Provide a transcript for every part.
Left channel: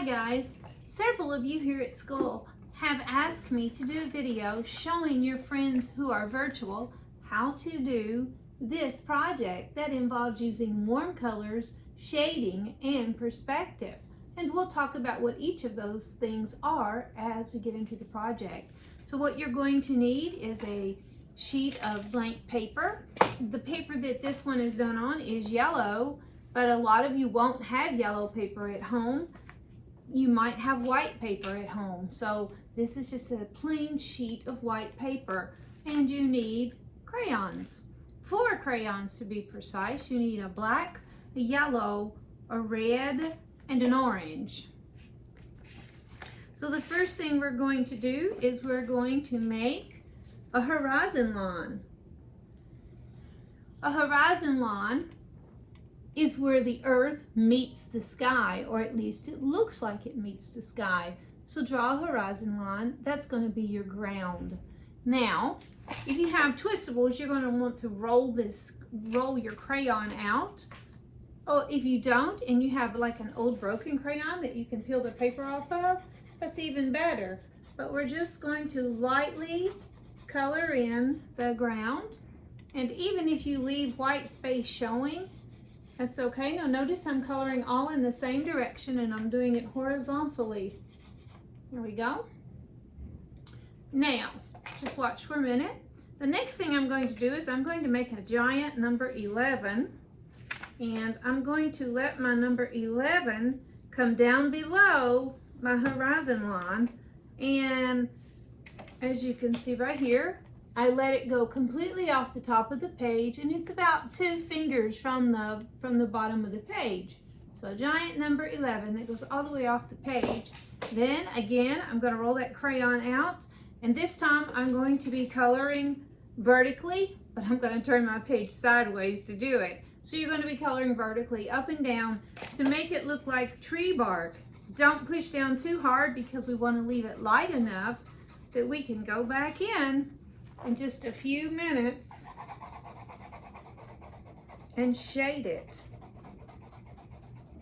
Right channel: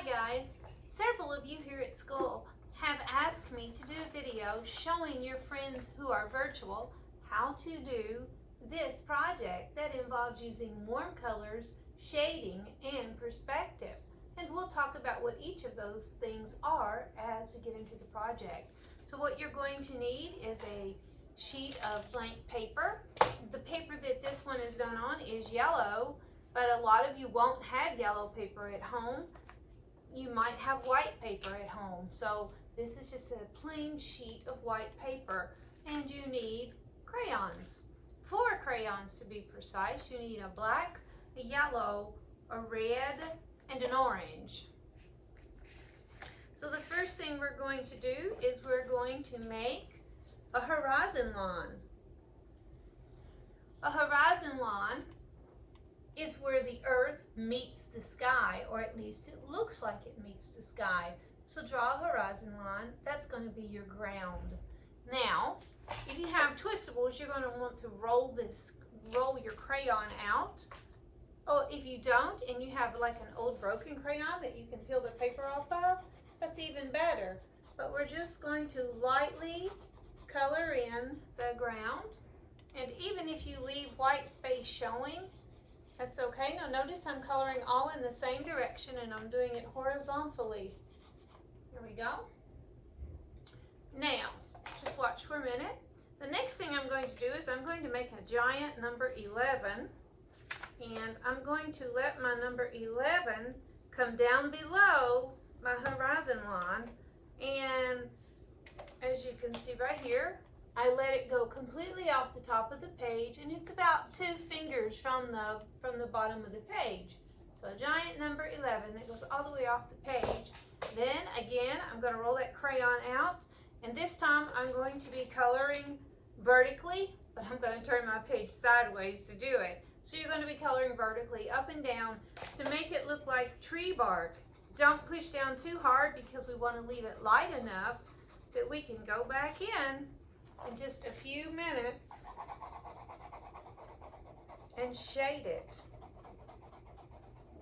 Hi guys, several of you here at school have asked me to do a video showing your friends who are virtual how to do this project that involves using warm colors, shading, and perspective. And we'll talk about what each of those things are as we get into the project. So what you're going to need is a sheet of blank paper. The paper that this one is done on is yellow, but a lot of you won't have yellow paper at home. You might have white paper at home. So this is just a plain sheet of white paper, and you need crayons. 4 crayons to be precise. You need a black, a yellow, a red, and an orange. So the first thing we're going to do is we're going to make a horizon line. A horizon line is where the earth meets the sky, or at least it looks like it meets the sky. So draw a horizon line. That's going to be your ground. Now, if you have twistables, you're going to want to roll your crayon out. Oh, if you don't, and you have like an old broken crayon that you can peel the paper off of, that's even better. But we're just going to lightly color in the ground. And even if you leave white space showing, that's okay. Now notice I'm coloring all in the same direction and I'm doing it horizontally. There we go. Now, just watch for a minute. The next thing I'm going to do is I'm going to make a giant number 11, and I'm going to let my number 11 come down below my horizon line, and as you can see right here, I let it go completely off the top of the page, and it's about 2 fingers from the bottom of the page. So a giant number 11 that goes all the way off the page. Then again, I'm going to roll that crayon out, and this time I'm going to be coloring vertically, but I'm going to turn my page sideways to do it. So you're going to be coloring vertically up and down to make it look like tree bark. Don't push down too hard because we want to leave it light enough that we can go back in just a few minutes and shade it.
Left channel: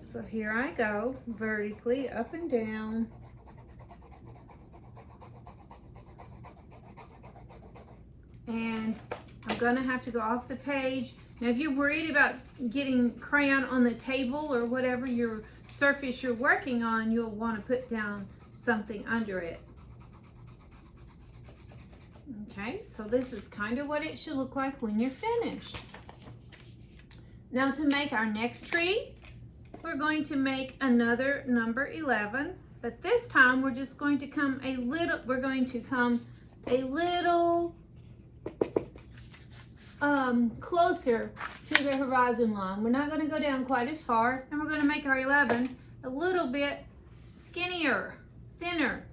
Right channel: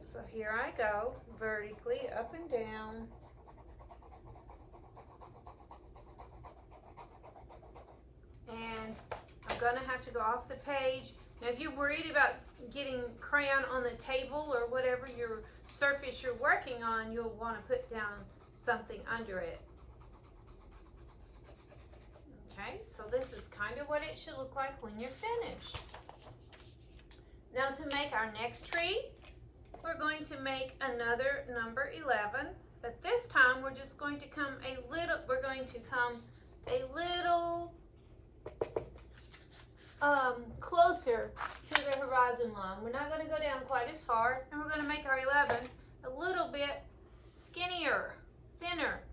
So here I go, vertically up and down. And I'm gonna have to go off the page. Now if you're worried about getting crayon on the table or whatever your surface you're working on, you'll want to put down something under it. Okay, so this is kind of what it should look like when you're finished. Now to make our next tree, we're going to make another number 11, but this time we're just going to come a little closer to the horizon line. We're not going to go down quite as far, and we're going to make our 11 a little bit skinnier, thinner.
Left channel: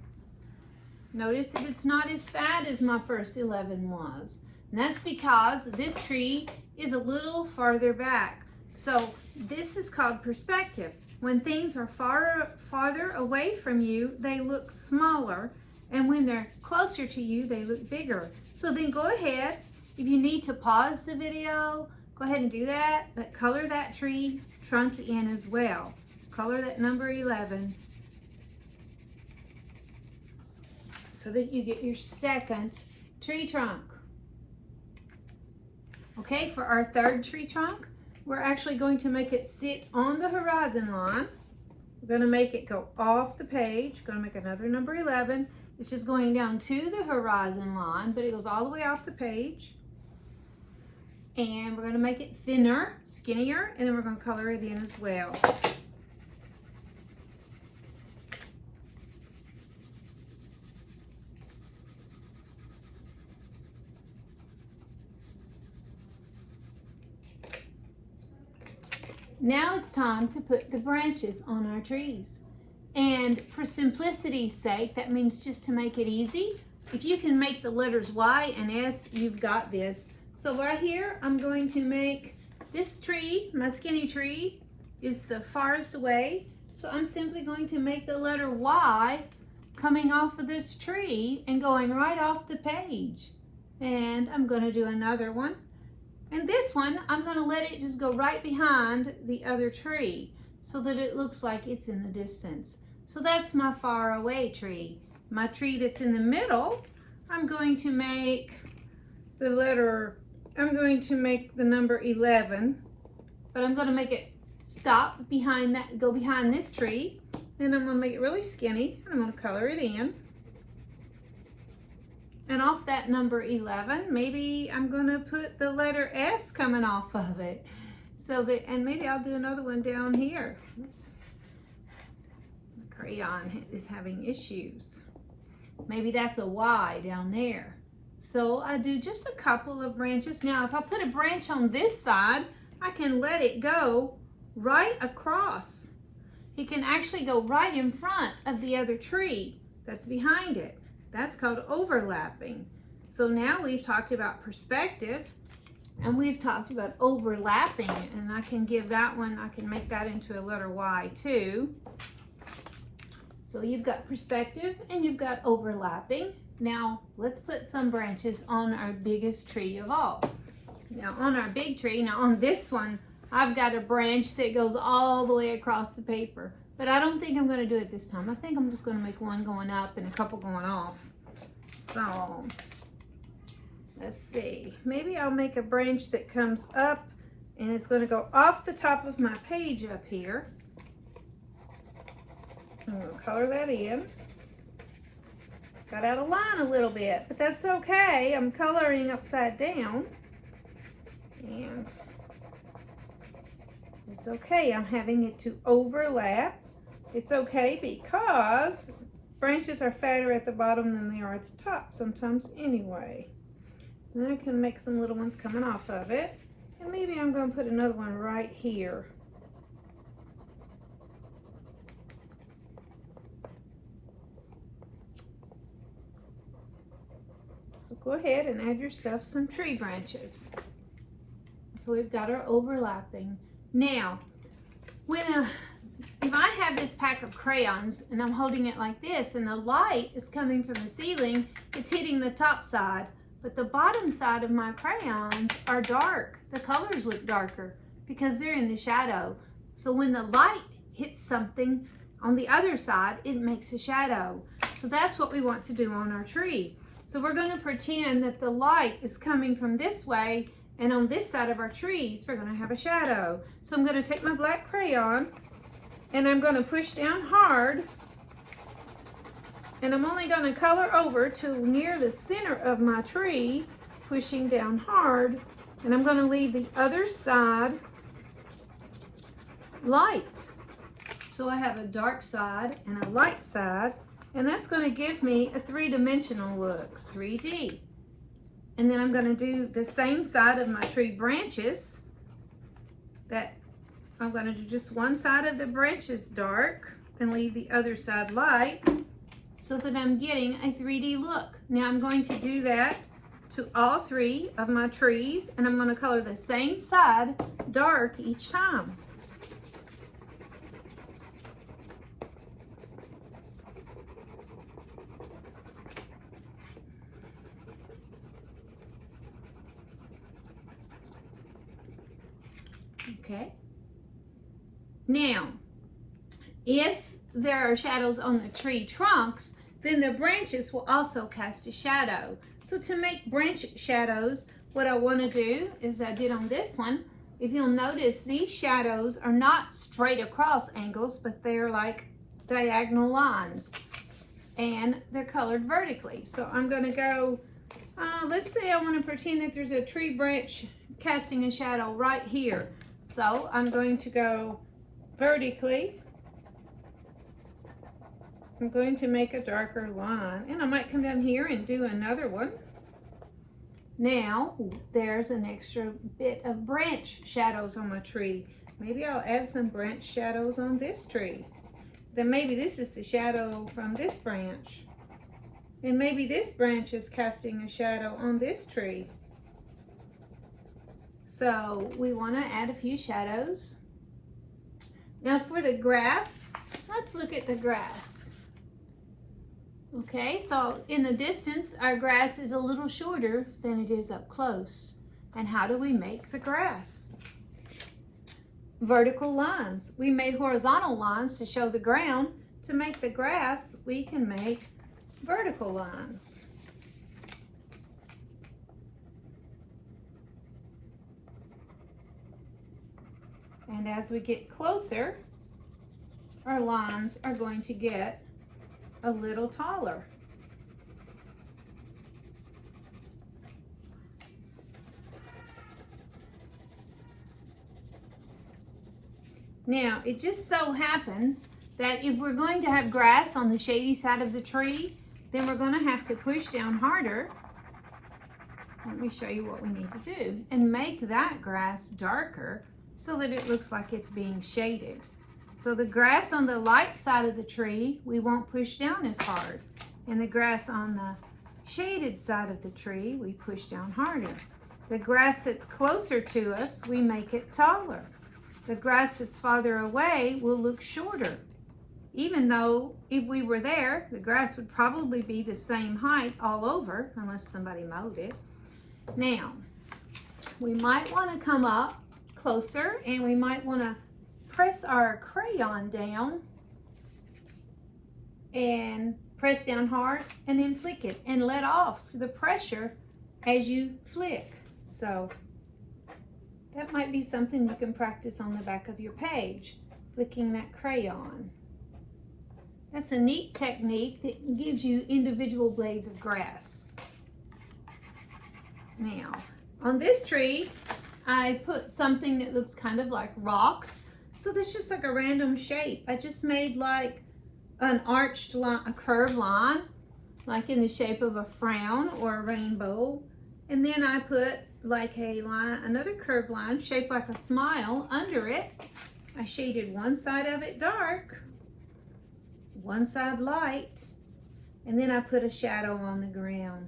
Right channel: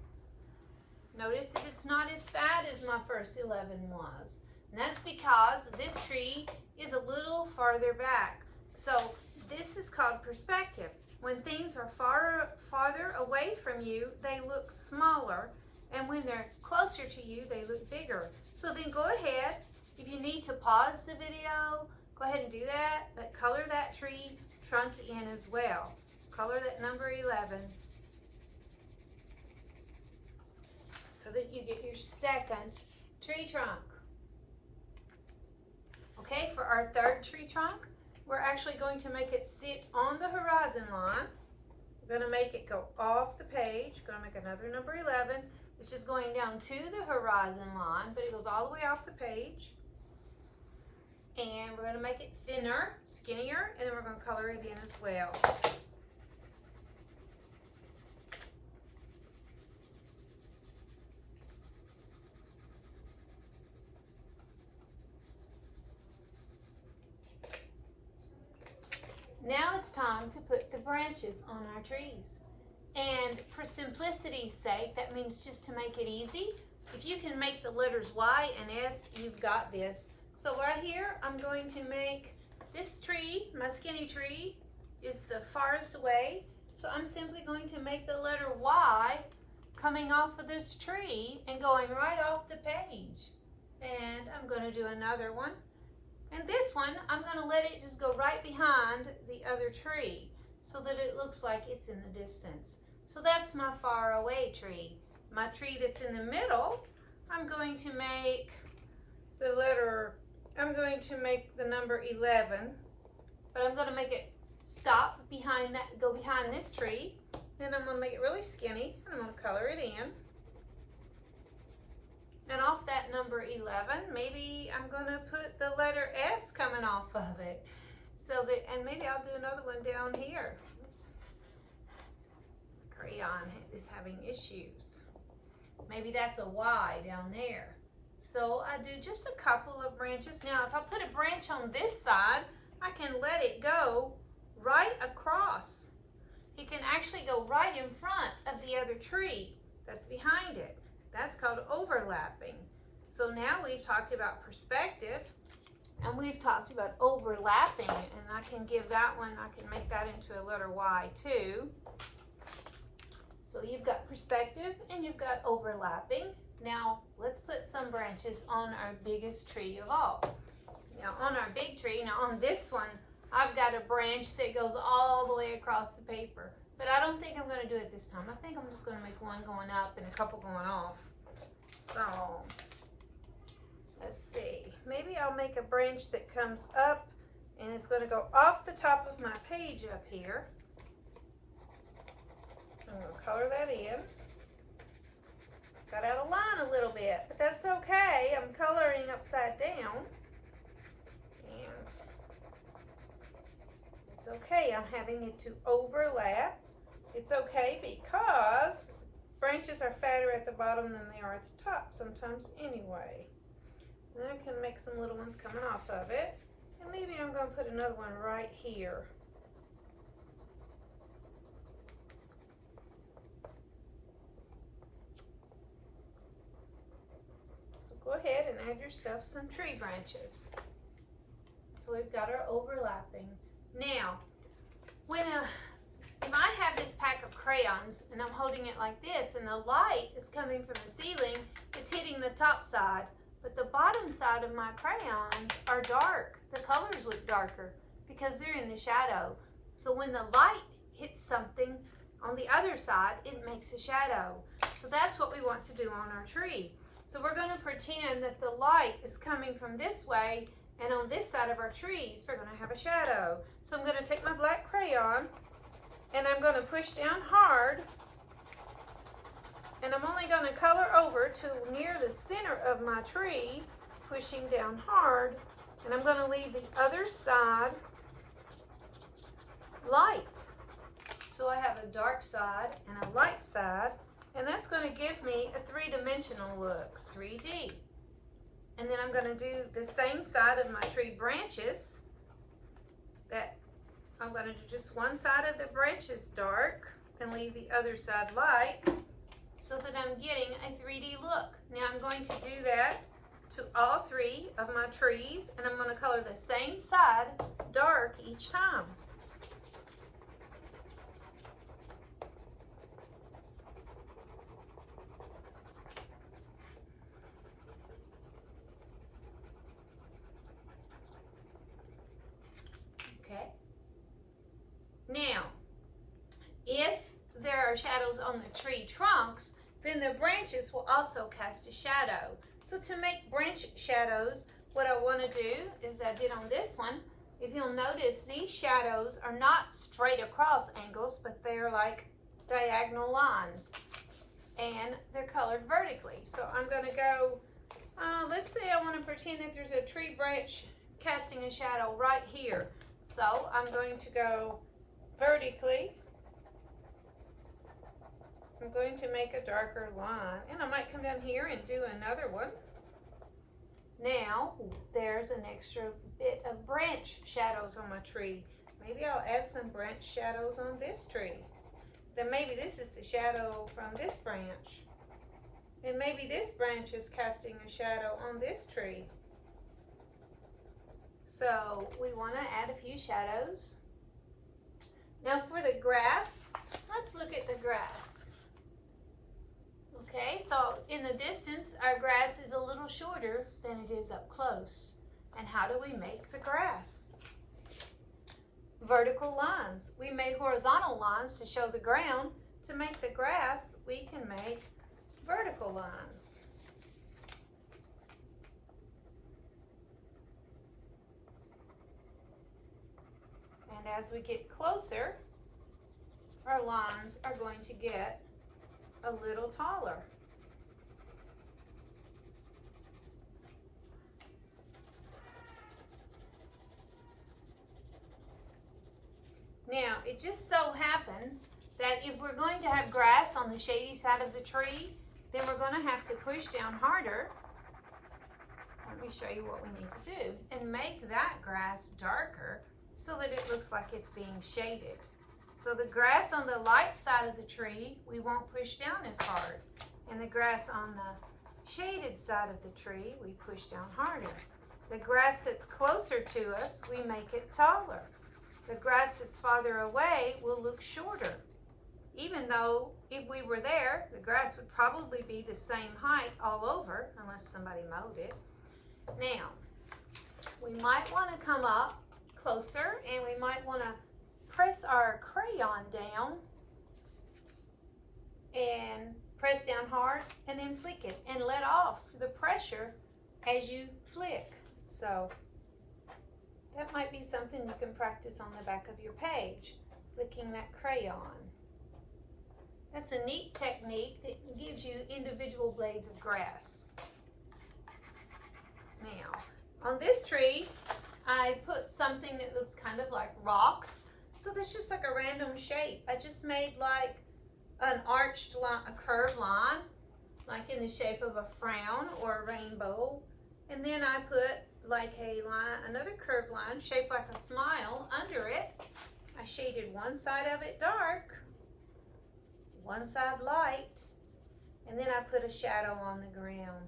Notice that it's not as fat as my first 11 was. And that's because this tree is a little farther back. So this is called perspective. When things are farther away from you, they look smaller. And when they're closer to you, they look bigger. So then go ahead. If you need to pause the video, go ahead and do that. But color that tree trunk in as well. Color that number 11. So that you get your second tree trunk. Okay, for our third tree trunk, we're actually going to make it sit on the horizon line. We're going to make it go off the page. We're going to make another number 11. It's just going down to the horizon line, but it goes all the way off the page. And we're going to make it thinner, skinnier, and then we're going to color it in as well. Now it's time to put the branches on our trees. And for simplicity's sake, that means just to make it easy, if you can make the letters Y and S, you've got this. So right here, I'm going to make this tree, my skinny tree, is the farthest away. So I'm simply going to make the letter Y coming off of this tree and going right off the page. And I'm going to do another one. And this one, I'm going to let it just go right behind the other tree so that it looks like it's in the distance. So that's my far away tree. My tree that's in the middle, I'm going to make the number 11, but I'm going to make it stop behind that, go behind this tree. Then I'm going to make it really skinny, and I'm going to color it in. And off that number 11, maybe I'm going to put the letter S coming off of it. So that, and maybe I'll do another one down here. Oops. The crayon is having issues. Maybe that's a Y down there. So I do just a couple of branches. Now, if I put a branch on this side, I can let it go right across. It can actually go right in front of the other tree that's behind it. That's called overlapping. So now we've talked about perspective and we've talked about overlapping, and I can give that one, I can make that into a letter Y too. So you've got perspective and you've got overlapping. Now let's put some branches on our biggest tree of all. Now on our big tree, now on this one, I've got a branch that goes all the way across the paper, but I don't think I'm going to do it this time. I think I'm just going to make one going up and a couple going off. So let's see, maybe I'll make a branch that comes up and it's going to go off the top of my page up here. I'm going to color that in. Got out of line a little bit, but that's okay. I'm coloring upside down. And it's okay. I'm having it to overlap. It's okay because branches are fatter at the bottom than they are at the top sometimes anyway. Then I can make some little ones coming off of it. And maybe I'm going to put another one right here. So go ahead and add yourself some tree branches. So we've got our overlapping. Now, if I have this pack of crayons and I'm holding it like this and the light is coming from the ceiling, it's hitting the top side, but the bottom side of my crayons are dark. The colors look darker because they're in the shadow. So when the light hits something on the other side, it makes a shadow. So that's what we want to do on our tree. So we're going to pretend that the light is coming from this way, and on this side of our trees, we're going to have a shadow. So I'm going to take my black crayon and I'm going to push down hard, and I'm only going to color over to near the center of my tree, pushing down hard, and I'm going to leave the other side light. So I have a dark side and a light side, and that's going to give me a three-dimensional look, 3D. And then I'm going to do the same side of my tree branches. That I'm going to do just one side of the branches dark and leave the other side light so that I'm getting a 3D look. Now I'm going to do that to all three of my trees, and I'm going to color the same side dark each time. Okay. Now, if there are shadows on the tree trunks, then the branches will also cast a shadow. So to make branch shadows, what I want to do is I did on this one. If you'll notice, these shadows are not straight across angles, but they're like diagonal lines, and they're colored vertically. So I'm going to go, let's say I want to pretend that there's a tree branch casting a shadow right here. So I'm going to go vertically. I'm going to make a darker line, and I might come down here and do another one. Now there's an extra bit of branch shadows on my tree. Maybe I'll add some branch shadows on this tree. Then maybe this is the shadow from this branch. And maybe this branch is casting a shadow on this tree. So we want to add a few shadows. Now for the grass, let's look at the grass. Okay, so in the distance, our grass is a little shorter than it is up close. And how do we make the grass? Vertical lines. We made horizontal lines to show the ground, to make the grass, we can make vertical lines. And as we get closer, our lines are going to get a little taller. Now, it just so happens that if we're going to have grass on the shady side of the tree, then we're going to have to push down harder. Let me show you what we need to do and make that grass darker so that it looks like it's being shaded. So the grass on the light side of the tree, we won't push down as hard. And the grass on the shaded side of the tree, we push down harder. The grass that's closer to us, we make it taller. The grass that's farther away will look shorter. Even though if we were there, the grass would probably be the same height all over, unless somebody mowed it. Now, we might want to come up closer and we might want to press our crayon down and press down hard and then flick it and let off the pressure as you flick. So that might be something you can practice on the back of your page, flicking that crayon. That's a neat technique that gives you individual blades of grass. Now, on this tree, I put something that looks kind of like rocks. So that's just like a random shape. I just made like an arched line, a curved line, like in the shape of a frown or a rainbow. And then I put like a line, another curved line shaped like a smile under it. I shaded one side of it dark, one side light, and then I put a shadow on the ground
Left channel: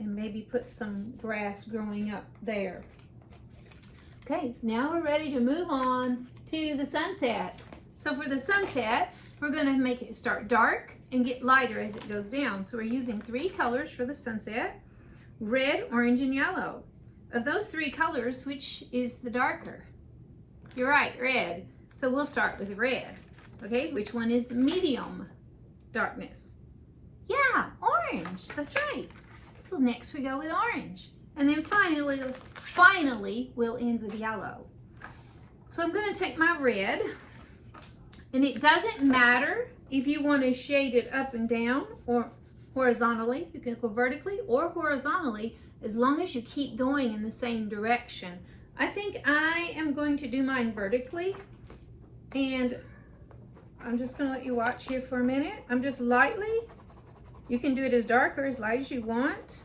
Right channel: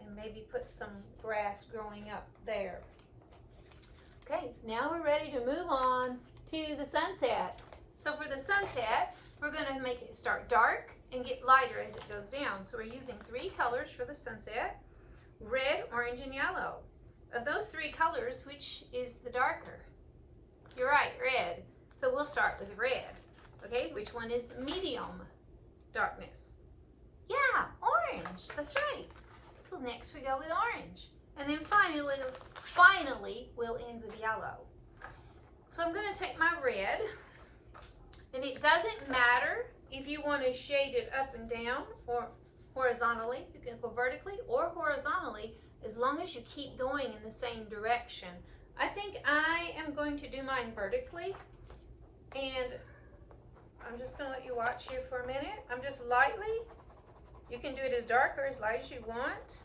and maybe put some grass growing up there. Okay, now we're ready to move on to the sunset. So for the sunset, we're going to make it start dark and get lighter as it goes down. So we're using 3 colors for the sunset: red, orange, and yellow. Of those 3 colors, which is the darker? You're right, red. So we'll start with red. Okay, which one is medium darkness? Yeah, orange, that's right. So next we go with orange. And then finally we'll end with yellow. So I'm going to take my red, and it doesn't matter if you want to shade it up and down or horizontally. You can go vertically or horizontally as long as you keep going in the same direction. I think I am going to do mine vertically, and I'm just going to let you watch here for a minute. I'm just lightly, you can do it as dark or as light as you want,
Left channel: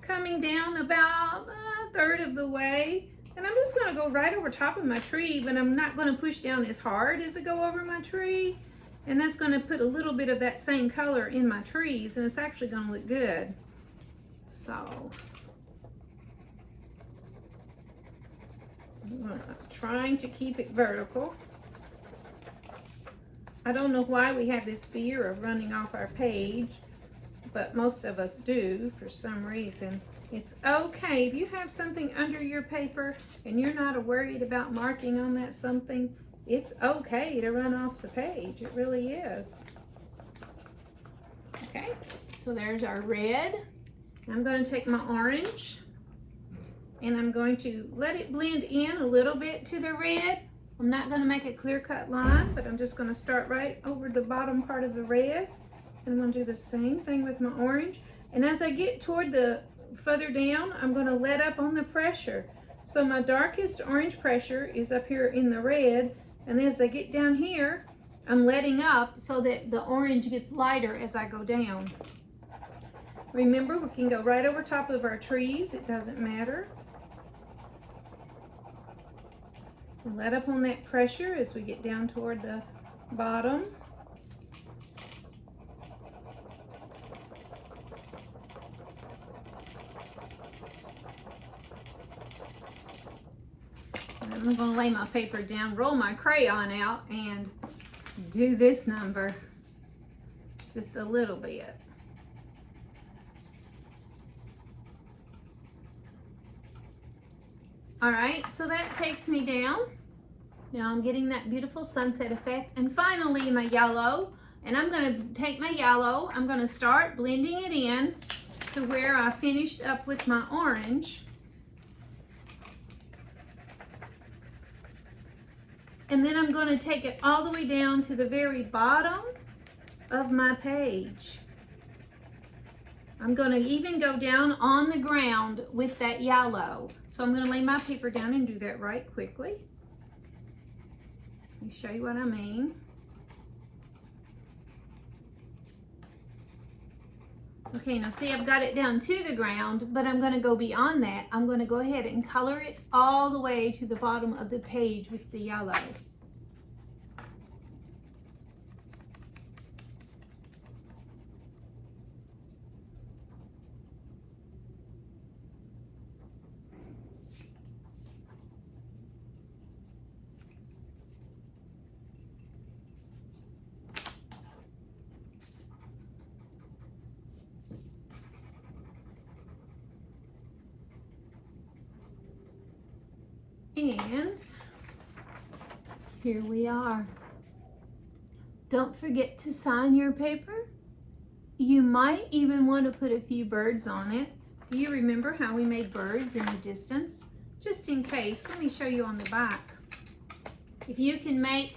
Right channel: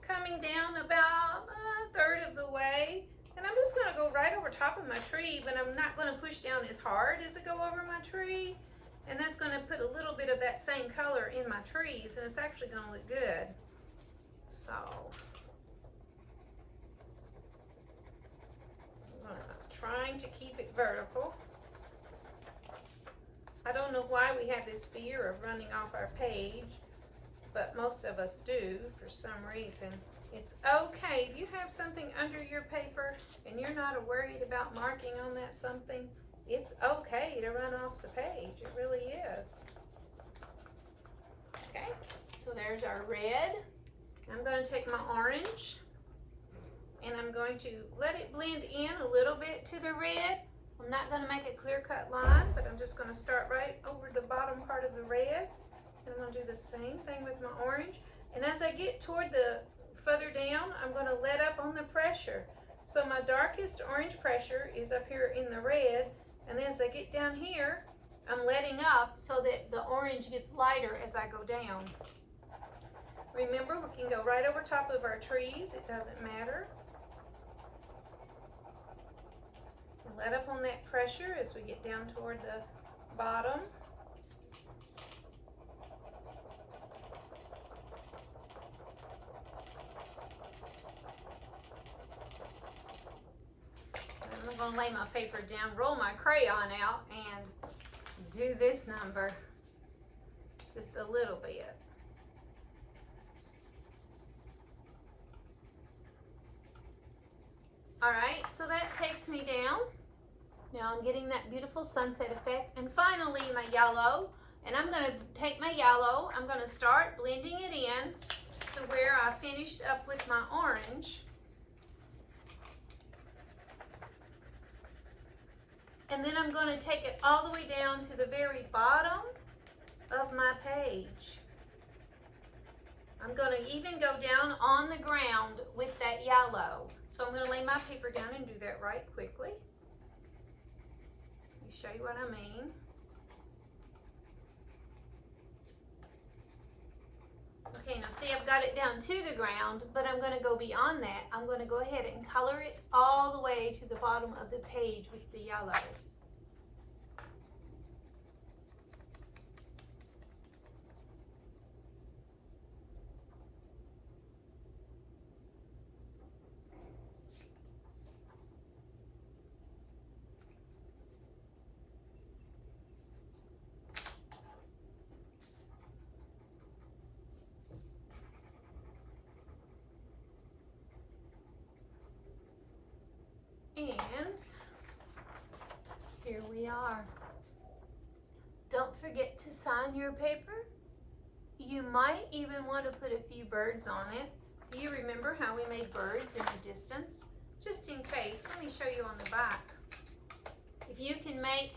coming down about 1/3 of the way. And I'm just going to go right over top of my tree, but I'm not going to push down as hard as I go over my tree. And that's going to put a little bit of that same color in my trees, and it's actually going to look good. So I'm trying to keep it vertical. I don't know why we have this fear of running off our page, but most of us do for some reason. It's okay if you have something under your paper and you're not worried about marking on that something. It's okay to run off the page. It really is. Okay, so there's our red. I'm going to take my orange and I'm going to let it blend in a little bit to the red. I'm not going to make a clear-cut line, but I'm just going to start right over the bottom part of the red. And I'm going to do the same thing with my orange. And as I get toward the further down, I'm going to let up on the pressure. So my darkest orange pressure is up here in the red. And then as I get down here, I'm letting up so that the orange gets lighter as I go down. Remember, we can go right over top of our trees. It doesn't matter. And let up on that pressure as we get down toward the bottom. I'm going to lay my paper down, roll my crayon out, and do this number just a little bit. All right, so that takes me down Now I'm getting that beautiful sunset effect. And finally my yellow, and I'm going to take my yellow, I'm going to start blending it in to where I finished up with my orange. And then I'm going to take it all the way down to the very bottom of my page. I'm going to even go down on the ground with that yellow. So I'm going to lay my paper down and do that right quickly. Let me show you what I mean. Okay, now see, I've got it down to the ground, but I'm going to go beyond that. I'm going to go ahead and color it all the way to the bottom of the page with the yellow. And here we are. Don't forget to sign your paper. You might even want to put a few birds on it. Do you remember how we made birds in the distance? Just in case, let me show you on the back. If you can make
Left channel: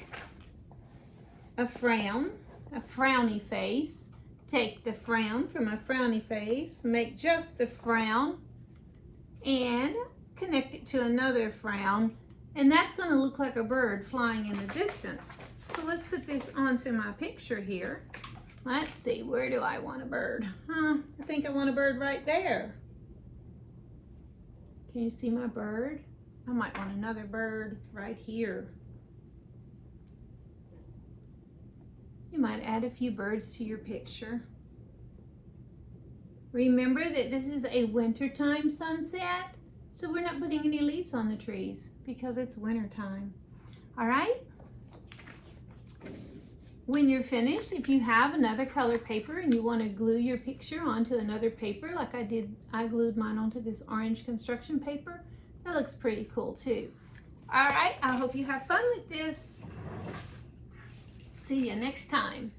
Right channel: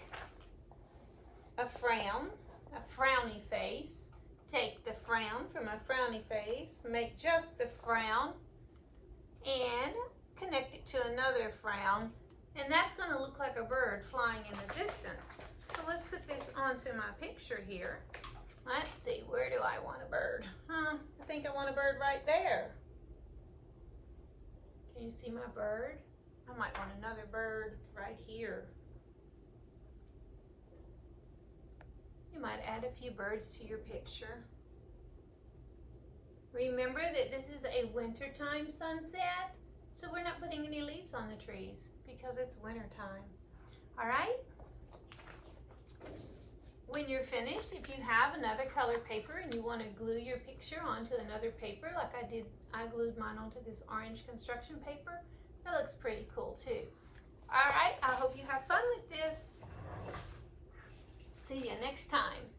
a frown, a frowny face, take the frown from a frowny face, make just the frown, and connect it to another frown, and that's going to look like a bird flying in the distance. So let's put this onto my picture here. Let's see, where do I want a bird? I think I want a bird right there. Can you see my bird? I might want another bird right here. You might add a few birds to your picture. Remember that this is a wintertime sunset. So we're not putting any leaves on the trees because it's winter time. All right? When you're finished, if you have another color paper and you want to glue your picture onto another paper like I did, I glued mine onto this orange construction paper. That looks pretty cool too. All right, I hope you have fun with this. See you next time.